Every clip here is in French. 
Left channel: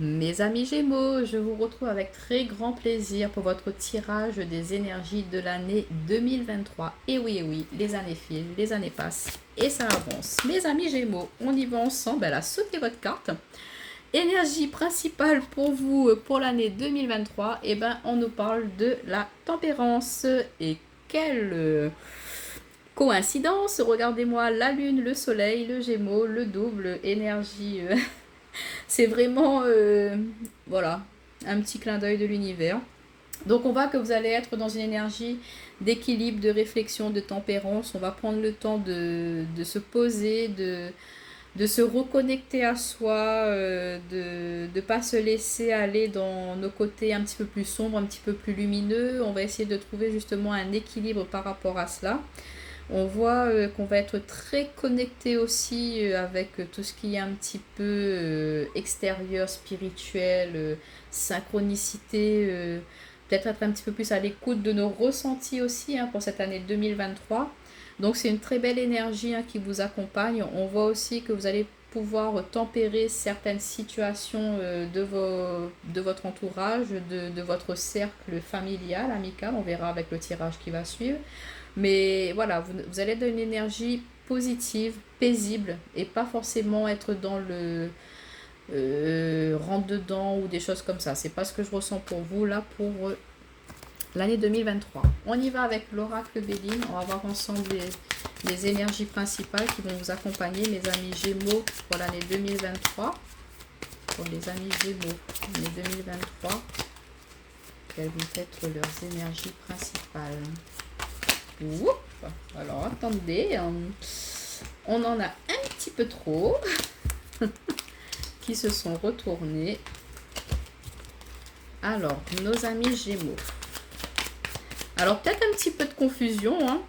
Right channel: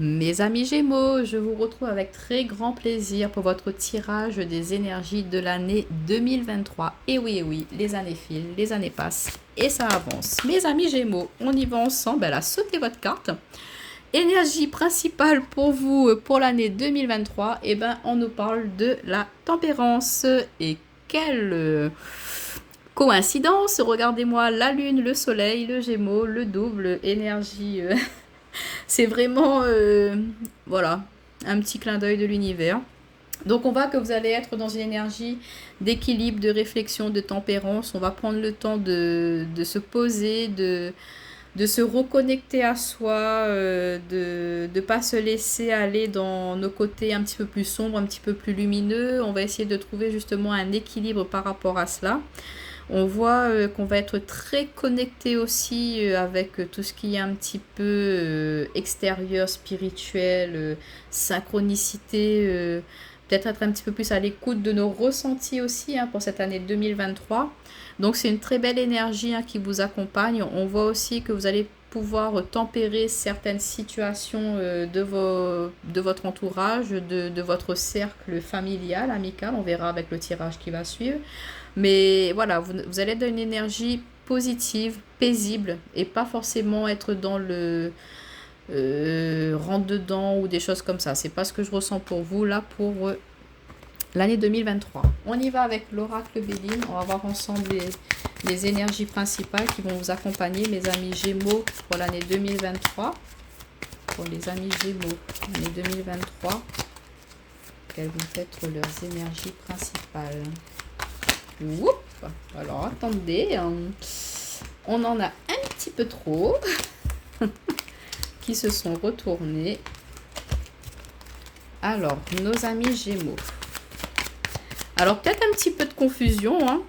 Mes amis Gémeaux, je vous retrouve avec très grand plaisir pour votre tirage des énergies de l'année 2023. Et oui, les années filent, les années passent et ça avance. Mes amis Gémeaux, on y va ensemble. Elle a sauté votre carte. Énergie principale pour vous pour l'année 2023, eh ben, on nous parle de la tempérance. Et quelle coïncidence! Regardez-moi la lune, le soleil, le Gémeaux, le double, énergie. C'est vraiment, voilà, un petit clin d'œil de l'univers. Donc on voit que vous allez être dans une énergie d'équilibre, de réflexion, de tempérance. On va prendre le temps de se poser, de se reconnecter à soi, de ne pas se laisser aller dans nos côtés un petit peu plus sombres, un petit peu plus lumineux. On va essayer de trouver justement un équilibre par rapport à cela. On voit qu'on va être très connecté aussi avec tout ce qui est un petit peu extérieur, spirituel, synchronicité, peut-être être un petit peu plus à l'écoute de nos ressentis aussi hein, pour cette année 2023. Donc c'est une très belle énergie hein, qui vous accompagne. On voit aussi que vous allez pouvoir tempérer certaines situations de votre entourage, de votre cercle familial, amical. On verra avec le tirage qui va suivre. Mais voilà, vous allez être dans une énergie positive, paisible, et pas forcément être dans le rentre dedans ou des choses comme ça. C'est pas ce que je ressens pour vous là pour l'année 2023. On y va avec l'oracle Béline. On va voir ensemble les énergies principales qui vont vous accompagner, mes amis Gémeaux, pour l'année 2023. Pour les amis Gémeaux, l'année 2023, quelles vont être leurs énergies principales? Oups. Alors attendez, on en a un petit peu trop qui se sont retournés. Alors, nos amis Gémeaux. Alors peut-être un petit peu de confusion. Hein.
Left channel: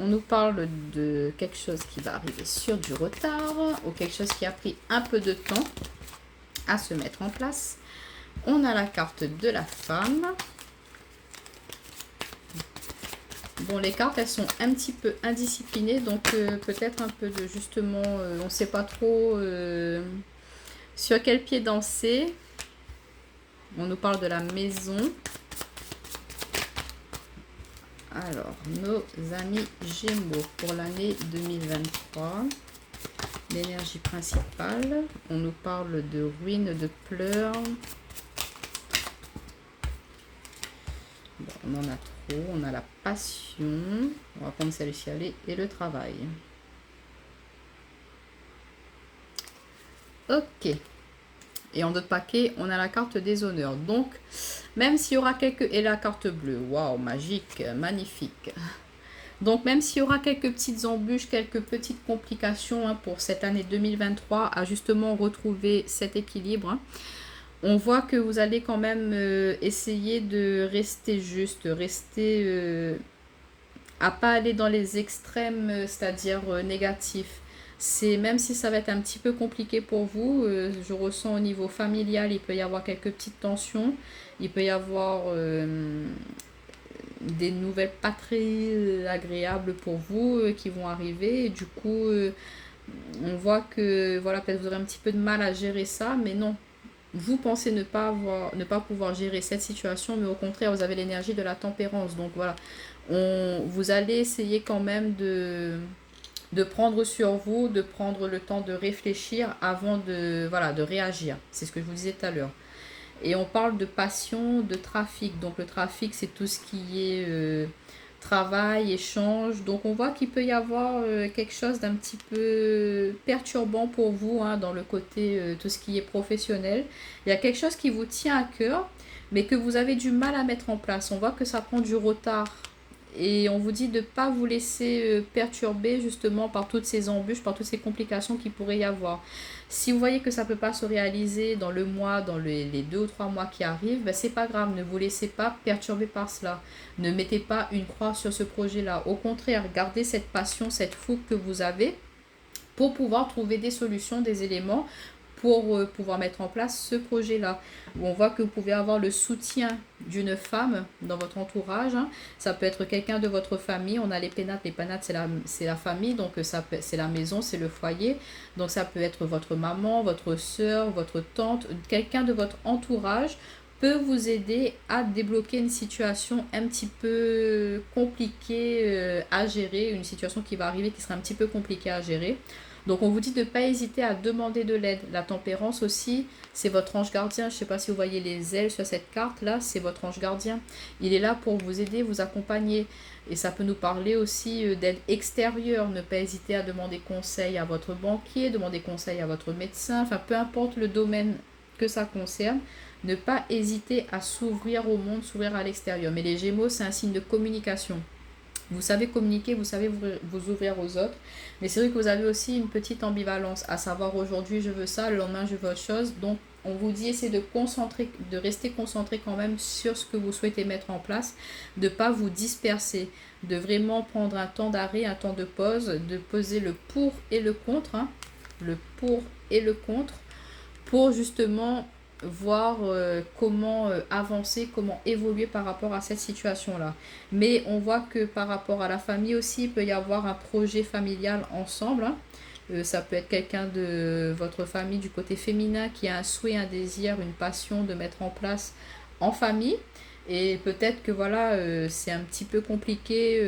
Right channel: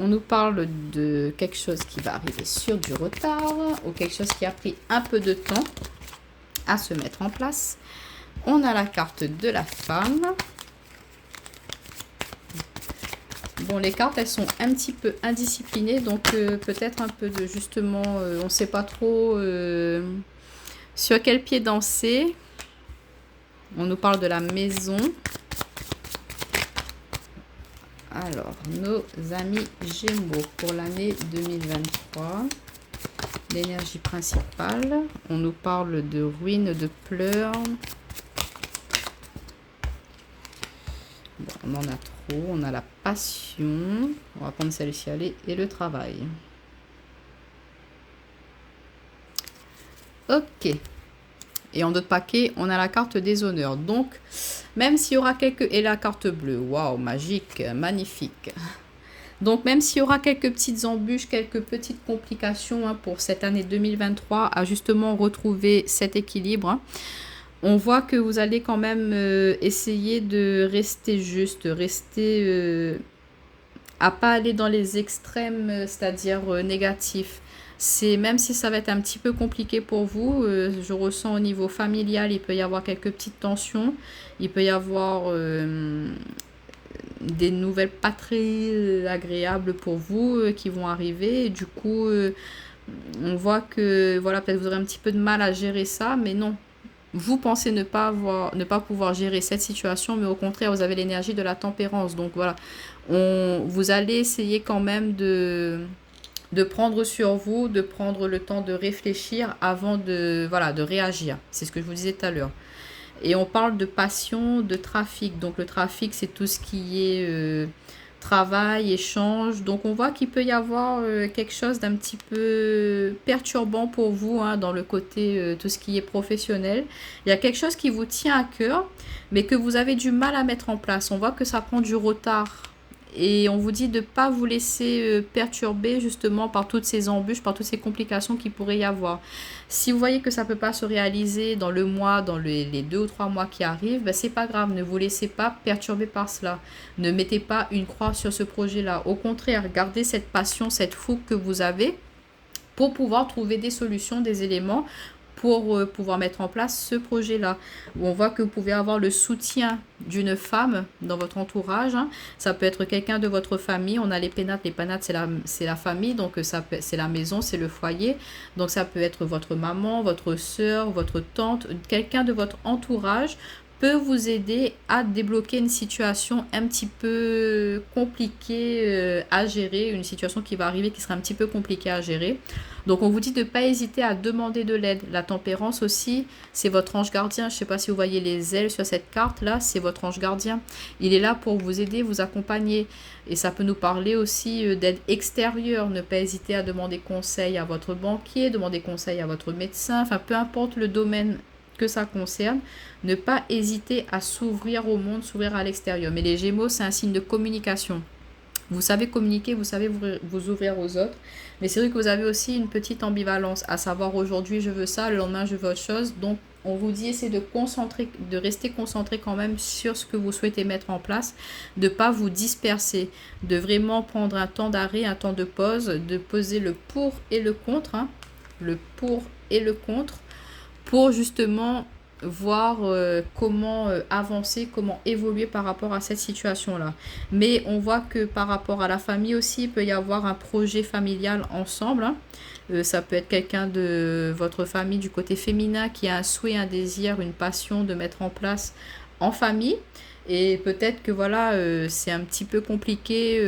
On nous parle de quelque chose qui va arriver sur du retard ou quelque chose qui a pris un peu de temps à se mettre en place. On a la carte de la femme. Bon, les cartes, elles sont un petit peu indisciplinées, donc peut-être un peu de justement, on ne sait pas trop sur quel pied danser. On nous parle de la maison. Alors, nos amis Gémeaux pour l'année 2023. L'énergie principale. On nous parle de ruines, de pleurs. Bon, on en a trop. On a la passion. On va prendre celle-ci et le travail. Ok. Et en d'autres paquets, on a la carte des honneurs. Donc, même s'il y aura quelques... Et la carte bleue. Waouh, magique, magnifique. Donc, même s'il y aura quelques petites embûches, quelques petites complications hein, pour cette année 2023, à justement retrouver cet équilibre, hein, on voit que vous allez quand même essayer de rester juste, rester... à pas aller dans les extrêmes, c'est-à-dire négatifs. C'est même si ça va être un petit peu compliqué pour vous, je ressens au niveau familial, il peut y avoir quelques petites tensions, il peut y avoir des nouvelles pas très agréables pour vous qui vont arriver. Et du coup, on voit que voilà, peut-être vous aurez un petit peu de mal à gérer ça, mais non. Vous pensez ne pas pouvoir gérer cette situation, mais au contraire, vous avez l'énergie de la tempérance. Donc voilà, vous allez essayer quand même de prendre sur vous, de prendre le temps de réfléchir avant voilà, de réagir. C'est ce que je vous disais tout à l'heure. Et on parle de passion, de trafic. Donc le trafic, c'est tout ce qui est travail, échange. Donc on voit qu'il peut y avoir quelque chose d'un petit peu perturbant pour vous hein, dans le côté tout ce qui est professionnel. Il y a quelque chose qui vous tient à cœur, mais que vous avez du mal à mettre en place. On voit que ça prend du retard. Et on vous dit de ne pas vous laisser perturber justement par toutes ces embûches, par toutes ces complications qu'il pourrait y avoir. Si vous voyez que ça ne peut pas se réaliser dans le mois, dans les 2 ou 3 mois qui arrivent, ben c'est pas grave, ne vous laissez pas perturber par cela. Ne mettez pas une croix sur ce projet-là. Au contraire, gardez cette passion, cette fougue que vous avez pour pouvoir trouver des solutions, des éléments pour pouvoir mettre en place ce projet-là. On voit que vous pouvez avoir le soutien d'une femme dans votre entourage. Hein. Ça peut être quelqu'un de votre famille. On a les pénates. Les pénates, c'est la famille, donc c'est la maison, c'est le foyer. Donc ça peut être votre maman, votre soeur, votre tante, quelqu'un de votre entourage peut vous aider à débloquer une situation un petit peu compliquée à gérer, une situation qui va arriver qui sera un petit peu compliquée à gérer. Donc on vous dit de ne pas hésiter à demander de l'aide. La tempérance aussi, c'est votre ange gardien. Je ne sais pas si vous voyez les ailes sur cette carte-là, c'est votre ange gardien. Il est là pour vous aider, vous accompagner. Et ça peut nous parler aussi d'aide extérieure. Ne pas hésiter à demander conseil à votre banquier, demander conseil à votre médecin, enfin peu importe le domaine que ça concerne. Ne pas hésiter à s'ouvrir au monde, s'ouvrir à l'extérieur. Mais les Gémeaux, c'est un signe de communication. Vous savez communiquer, vous savez vous ouvrir aux autres. Mais c'est vrai que vous avez aussi une petite ambivalence, à savoir aujourd'hui je veux ça, le lendemain je veux autre chose. Donc on vous dit essayez de rester concentré quand même sur ce que vous souhaitez mettre en place, de ne pas vous disperser, de vraiment prendre un temps d'arrêt, un temps de pause, de poser le pour et le contre, hein, le pour et le contre, pour justement voir comment avancer, comment évoluer par rapport à cette situation-là. Mais on voit que par rapport à la famille aussi, il peut y avoir un projet familial ensemble. Hein. Ça peut être quelqu'un de votre famille du côté féminin qui a un souhait, un désir, une passion de mettre en place en famille. Et peut-être que voilà, c'est un petit peu compliqué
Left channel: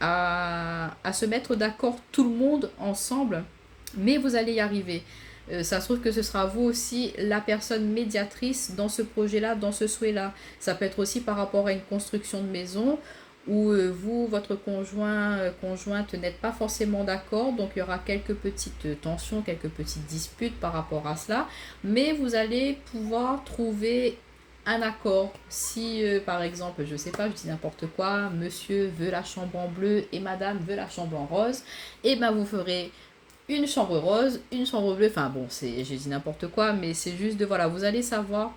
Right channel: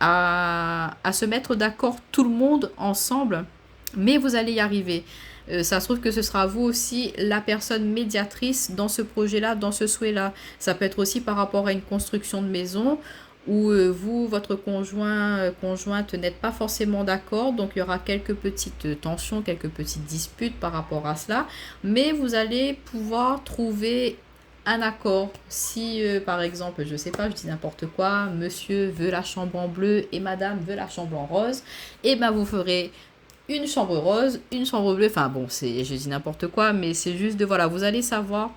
à se mettre d'accord tout le monde ensemble, mais vous allez y arriver. Ça se trouve que ce sera vous aussi la personne médiatrice dans ce projet-là, dans ce souhait-là. Ça peut être aussi par rapport à une construction de maison où vous, votre conjointe n'êtes pas forcément d'accord. Donc il y aura quelques petites tensions, quelques petites disputes par rapport à cela. Mais vous allez pouvoir trouver un accord. Si par exemple, je sais pas, je dis n'importe quoi, monsieur veut la chambre en bleu et madame veut la chambre en rose, et ben vous ferez une chambre rose, une chambre bleue, enfin bon, je dis n'importe quoi, mais c'est juste de, voilà, vous allez savoir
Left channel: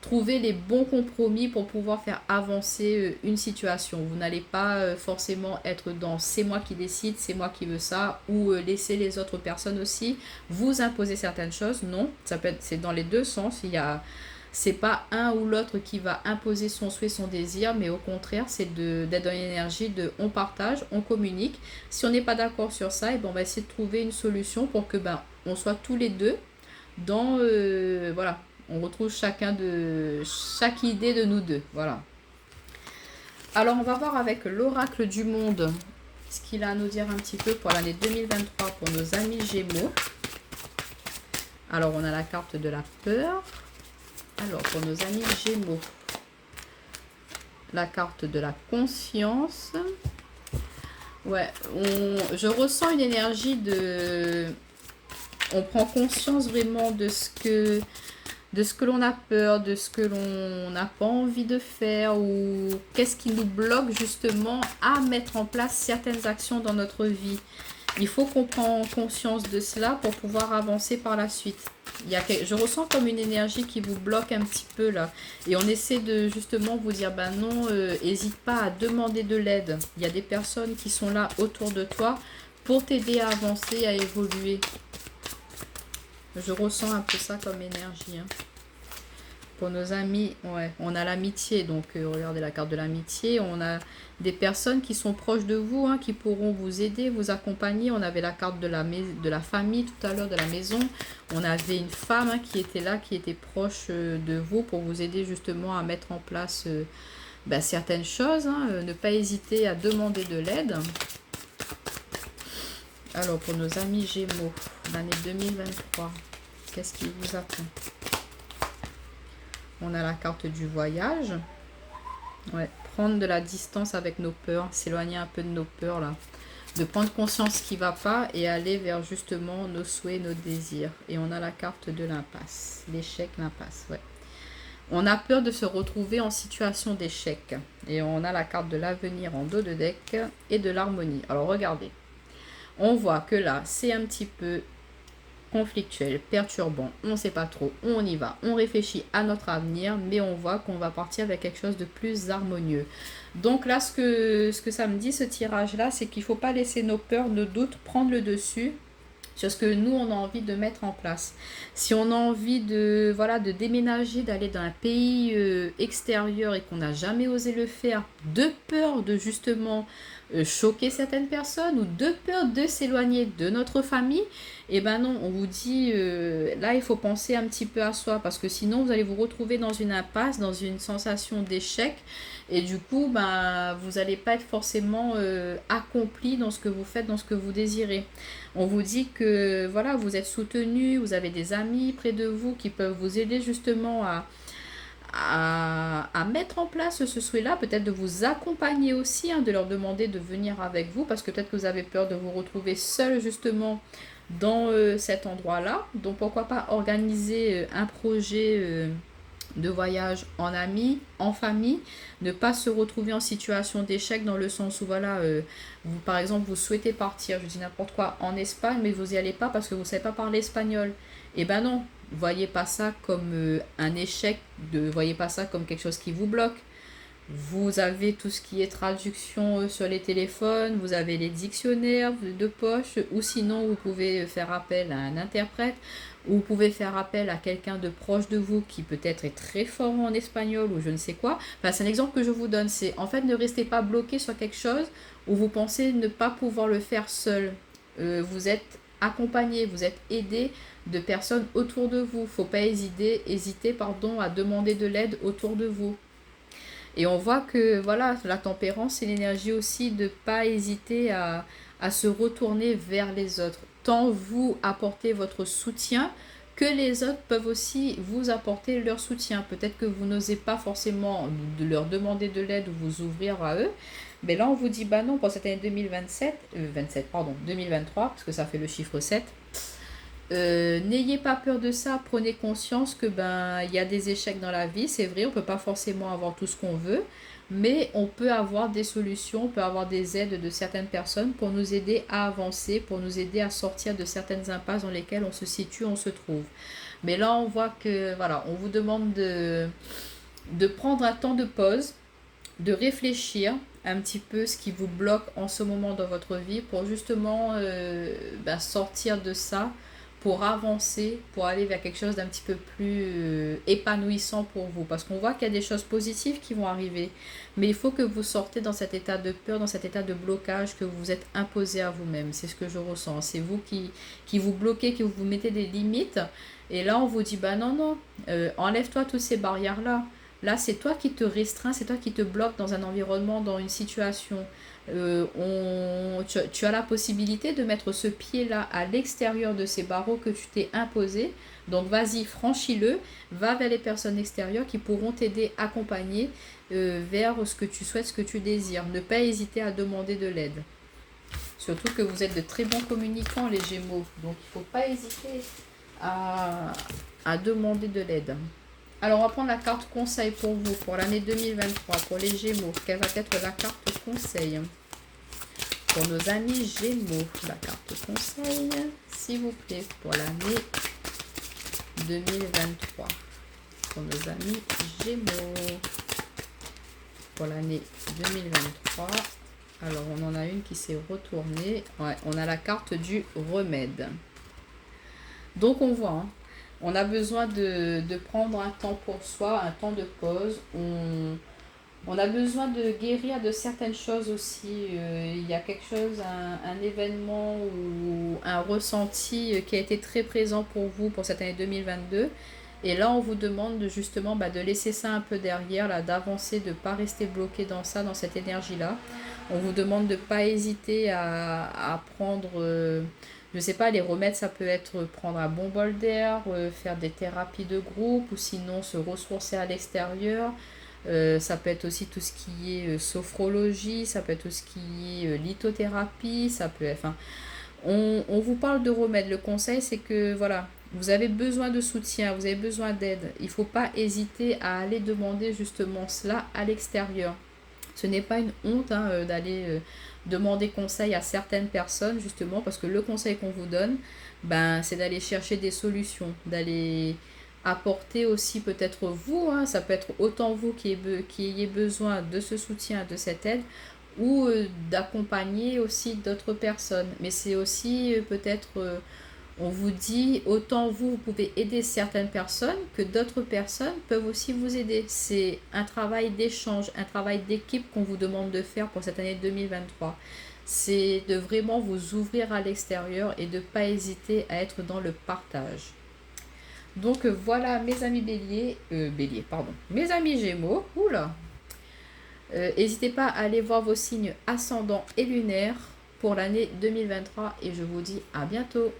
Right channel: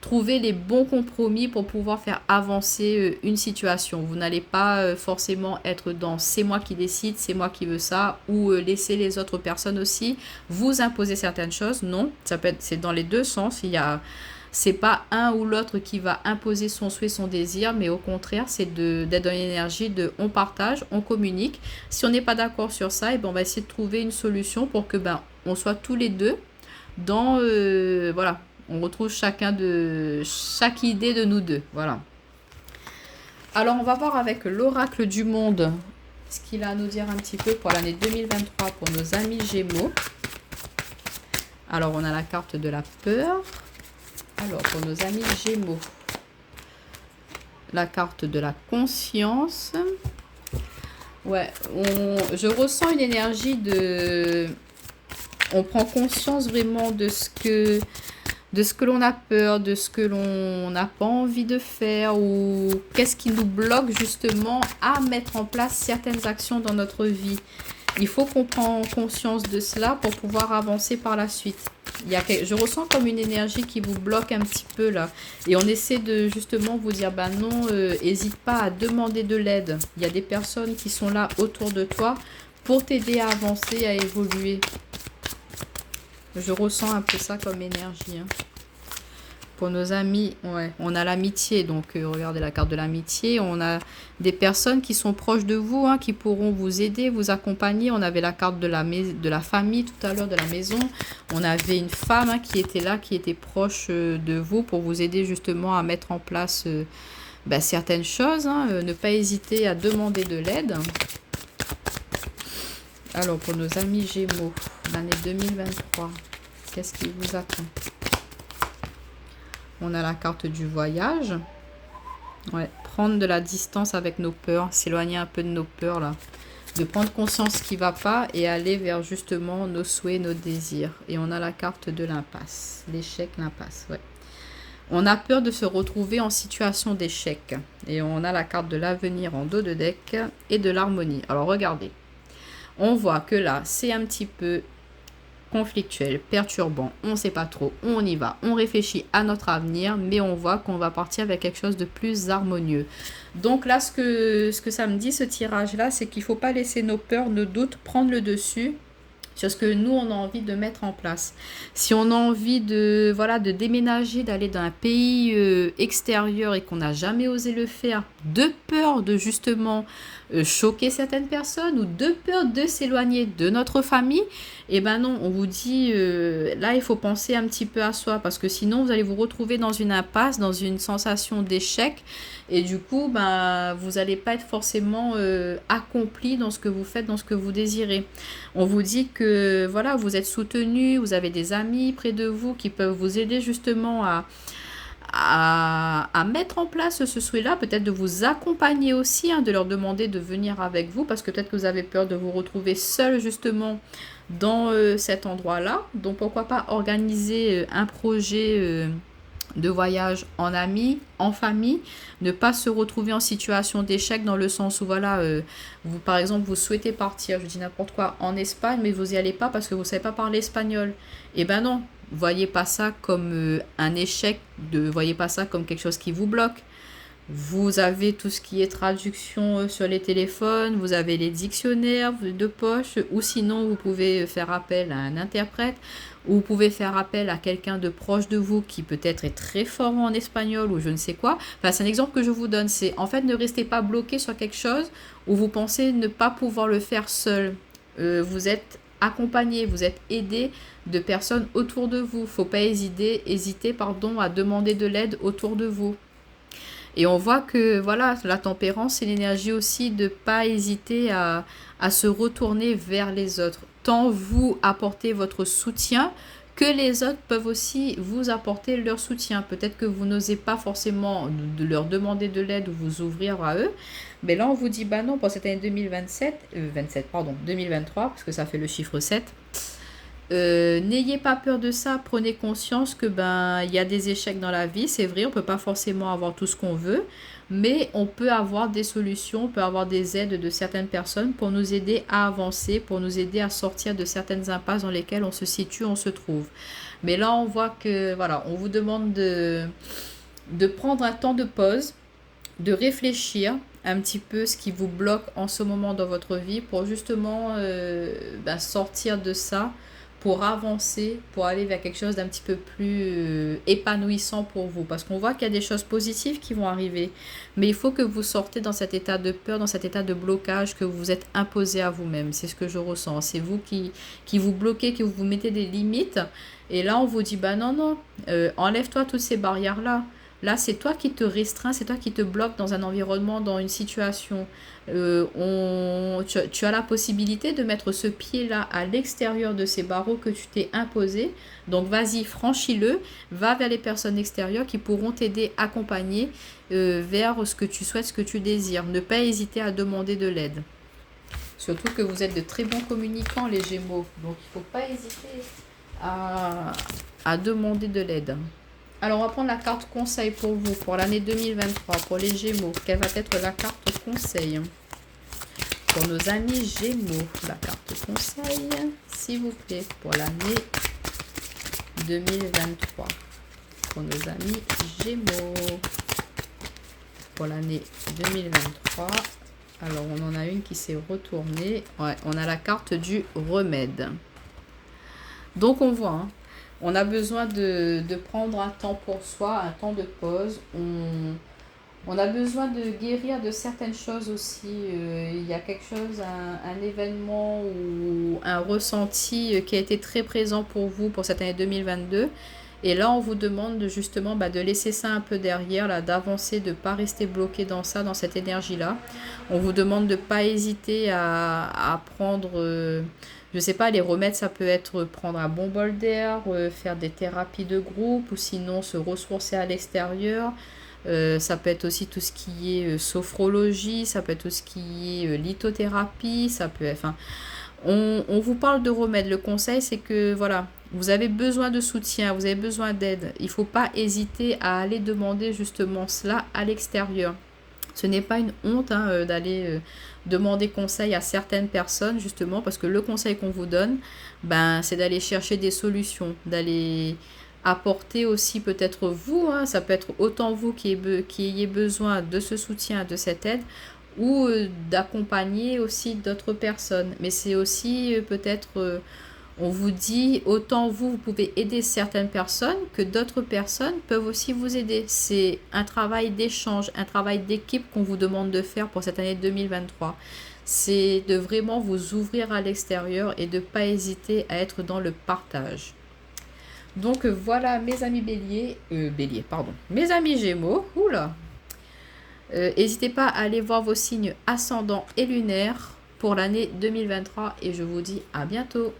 trouver les bons compromis pour pouvoir faire avancer une situation. Vous n'allez pas forcément être dans c'est moi qui décide, c'est moi qui veux ça, ou laisser les autres personnes aussi vous imposer certaines choses. Non, ça peut être, c'est dans les deux sens. C'est pas un ou l'autre qui va imposer son souhait, son désir, mais au contraire, c'est d'être dans l'énergie de on partage, on communique. Si on n'est pas d'accord sur ça, et ben on va essayer de trouver une solution pour que on soit tous les deux dans voilà, on retrouve chaque idée de nous deux. Voilà. Alors on va voir avec l'oracle du monde ce qu'il a à nous dire un petit peu pour l'année 2023 pour nos amis Gémeaux. Alors on a la carte de la peur. Alors, pour nos amis Gémeaux, la carte de la conscience. Ouais, je ressens une énergie de... On prend conscience vraiment de ce que l'on a peur, de ce que l'on n'a pas envie de faire, ou qu'est-ce qui nous bloque justement à mettre en place certaines actions dans notre vie. Il faut qu'on prenne conscience de cela pour pouvoir avancer par la suite. Je ressens comme une énergie qui vous bloque un petit peu là. Et on essaie de justement vous dire, non, n'hésite pas à demander de l'aide. Il y a des personnes qui sont là autour de toi pour t'aider à avancer, à évoluer. Je ressens un peu ça comme énergie. Hein. Pour nos amis, ouais, on a l'amitié, donc regardez la carte de l'amitié, on a des personnes qui sont proches de vous, hein, qui pourront vous aider, vous accompagner. On avait la carte de la famille tout à l'heure, de la maison. On avait une femme hein, qui était là, qui était proche de vous pour vous aider justement à mettre en place certaines choses. Hein. Ne pas hésiter à demander de l'aide. Alors pour nos amis Gémeaux, l'année 2023, qu'est-ce qui vous attend ? On a la carte du voyage. Ouais, prendre de la distance avec nos peurs, s'éloigner un peu de nos peurs là. De prendre conscience ce qui ne va pas et aller vers justement nos souhaits, nos désirs. Et on a la carte de l'impasse. L'échec, l'impasse, ouais. On a peur de se retrouver en situation d'échec. Et on a la carte de l'avenir en dos de deck et de l'harmonie. Alors regardez. On voit que là, c'est un petit peu conflictuel, perturbant, on ne sait pas trop, on y va, on réfléchit à notre avenir, mais on voit qu'on va partir avec quelque chose de plus harmonieux. Donc là, ce que ça me dit, ce tirage-là, c'est qu'il ne faut pas laisser nos peurs, nos doutes prendre le dessus sur ce que nous, on a envie de mettre en place. Si on a envie de, voilà, de déménager, d'aller dans un pays extérieur et qu'on n'a jamais osé le faire, de peur de justement choquer certaines personnes ou de peur de s'éloigner de notre famille, eh ben non, on vous dit, là, il faut penser un petit peu à soi parce que sinon, vous allez vous retrouver dans une impasse, dans une sensation d'échec et du coup, ben, vous n'allez pas être forcément accompli dans ce que vous faites, dans ce que vous désirez. On vous dit que voilà, vous êtes soutenu, vous avez des amis près de vous qui peuvent vous aider justement à mettre en place ce souhait-là, peut-être de vous accompagner aussi, hein, de leur demander de venir avec vous, parce que peut-être que vous avez peur de vous retrouver seul justement dans cet endroit-là. Donc pourquoi pas organiser un projet de voyage en amis, en famille, ne pas se retrouver en situation d'échec dans le sens où voilà, vous par exemple vous souhaitez partir, je dis n'importe quoi, en Espagne, mais vous n'y allez pas parce que vous ne savez pas parler espagnol. Eh ben non, voyez pas ça comme un échec, voyez pas ça comme quelque chose qui vous bloque. Vous avez tout ce qui est traduction sur les téléphones, vous avez les dictionnaires de poche, ou sinon vous pouvez faire appel à un interprète, ou vous pouvez faire appel à quelqu'un de proche de vous qui peut-être est très fort en espagnol ou je ne sais quoi. Enfin, c'est un exemple que je vous donne, c'est en fait ne restez pas bloqué sur quelque chose où vous pensez ne pas pouvoir le faire seul. Vous êtes accompagné, vous êtes aidé de personnes autour de vous. Faut pas hésiter à demander de l'aide autour de vous. Et on voit que voilà, la tempérance, c'est l'énergie aussi de ne pas hésiter à se retourner vers les autres. Tant vous apportez votre soutien que les autres peuvent aussi vous apporter leur soutien. Peut-être que vous n'osez pas forcément de leur demander de l'aide ou vous ouvrir à eux. Mais là, on vous dit, bah non, pour cette année 2023, parce que ça fait le chiffre 7. N'ayez pas peur de ça, prenez conscience que ben il y a des échecs dans la vie, c'est vrai, on peut pas forcément avoir tout ce qu'on veut, mais on peut avoir des solutions, on peut avoir des aides de certaines personnes pour nous aider à avancer, pour nous aider à sortir de certaines impasses dans lesquelles on se situe, on se trouve. Mais là, on voit que voilà, on vous demande de prendre un temps de pause, de réfléchir un petit peu ce qui vous bloque en ce moment dans votre vie pour justement sortir de ça, pour avancer, pour aller vers quelque chose d'un petit peu plus épanouissant pour vous. Parce qu'on voit qu'il y a des choses positives qui vont arriver. Mais il faut que vous sortez dans cet état de peur, dans cet état de blocage que vous vous êtes imposé à vous-même. C'est ce que je ressens. C'est vous qui vous bloquez, qui vous mettez des limites. Et là, on vous dit, bah non, non, enlève-toi toutes ces barrières-là. Là, c'est toi qui te restreins, c'est toi qui te bloques dans un environnement, dans une situation. Tu as la possibilité de mettre ce pied-là à l'extérieur de ces barreaux que tu t'es imposé. Donc, vas-y, franchis-le, va vers les personnes extérieures qui pourront t'aider, accompagner vers ce que tu souhaites, ce que tu désires. Ne pas hésiter à demander de l'aide. Surtout que vous êtes de très bons communicants, les Gémeaux. Donc, il ne faut pas hésiter à demander de l'aide. Alors, on va prendre la carte conseil pour vous, pour l'année 2023, pour les Gémeaux. Quelle va être la carte conseil pour nos amis Gémeaux? La carte conseil, s'il vous plaît, pour l'année 2023. Pour nos amis Gémeaux. Pour l'année 2023. Alors, on en a une qui s'est retournée. Ouais, on a la carte du remède. Donc, on voit... hein, on a besoin de prendre un temps pour soi, un temps de pause. On a besoin de guérir de certaines choses aussi. Il y a quelque chose, un événement ou un ressenti qui a été très présent pour vous pour cette année 2022. Et là, on vous demande justement de laisser ça un peu derrière, là, d'avancer, de ne pas rester bloqué dans ça, dans cette énergie-là. On vous demande de ne pas hésiter à prendre... je sais pas, les remèdes, ça peut être prendre un bon bol d'air, faire des thérapies de groupe ou sinon se ressourcer à l'extérieur. Ça peut être aussi tout ce qui est sophrologie, ça peut être tout ce qui est lithothérapie, ça peut être... Enfin, on vous parle de remèdes. Le conseil, c'est que voilà, vous avez besoin de soutien, vous avez besoin d'aide. Il ne faut pas hésiter à aller demander justement cela à l'extérieur. Ce n'est pas une honte d'aller demander conseil à certaines personnes, justement, parce que le conseil qu'on vous donne, c'est d'aller chercher des solutions, d'aller apporter aussi peut-être vous, ça peut être autant vous qui ayez besoin de ce soutien, de cette aide, ou d'accompagner aussi d'autres personnes. Mais c'est aussi peut-être On vous dit, autant vous pouvez aider certaines personnes que d'autres personnes peuvent aussi vous aider. C'est un travail d'échange, un travail d'équipe qu'on vous demande de faire pour cette année 2023. C'est de vraiment vous ouvrir à l'extérieur et de ne pas hésiter à être dans le partage. Donc voilà mes amis bélier, pardon, mes amis gémeaux, oula. N'hésitez pas à aller voir vos signes ascendants et lunaires pour l'année 2023 et je vous dis à bientôt.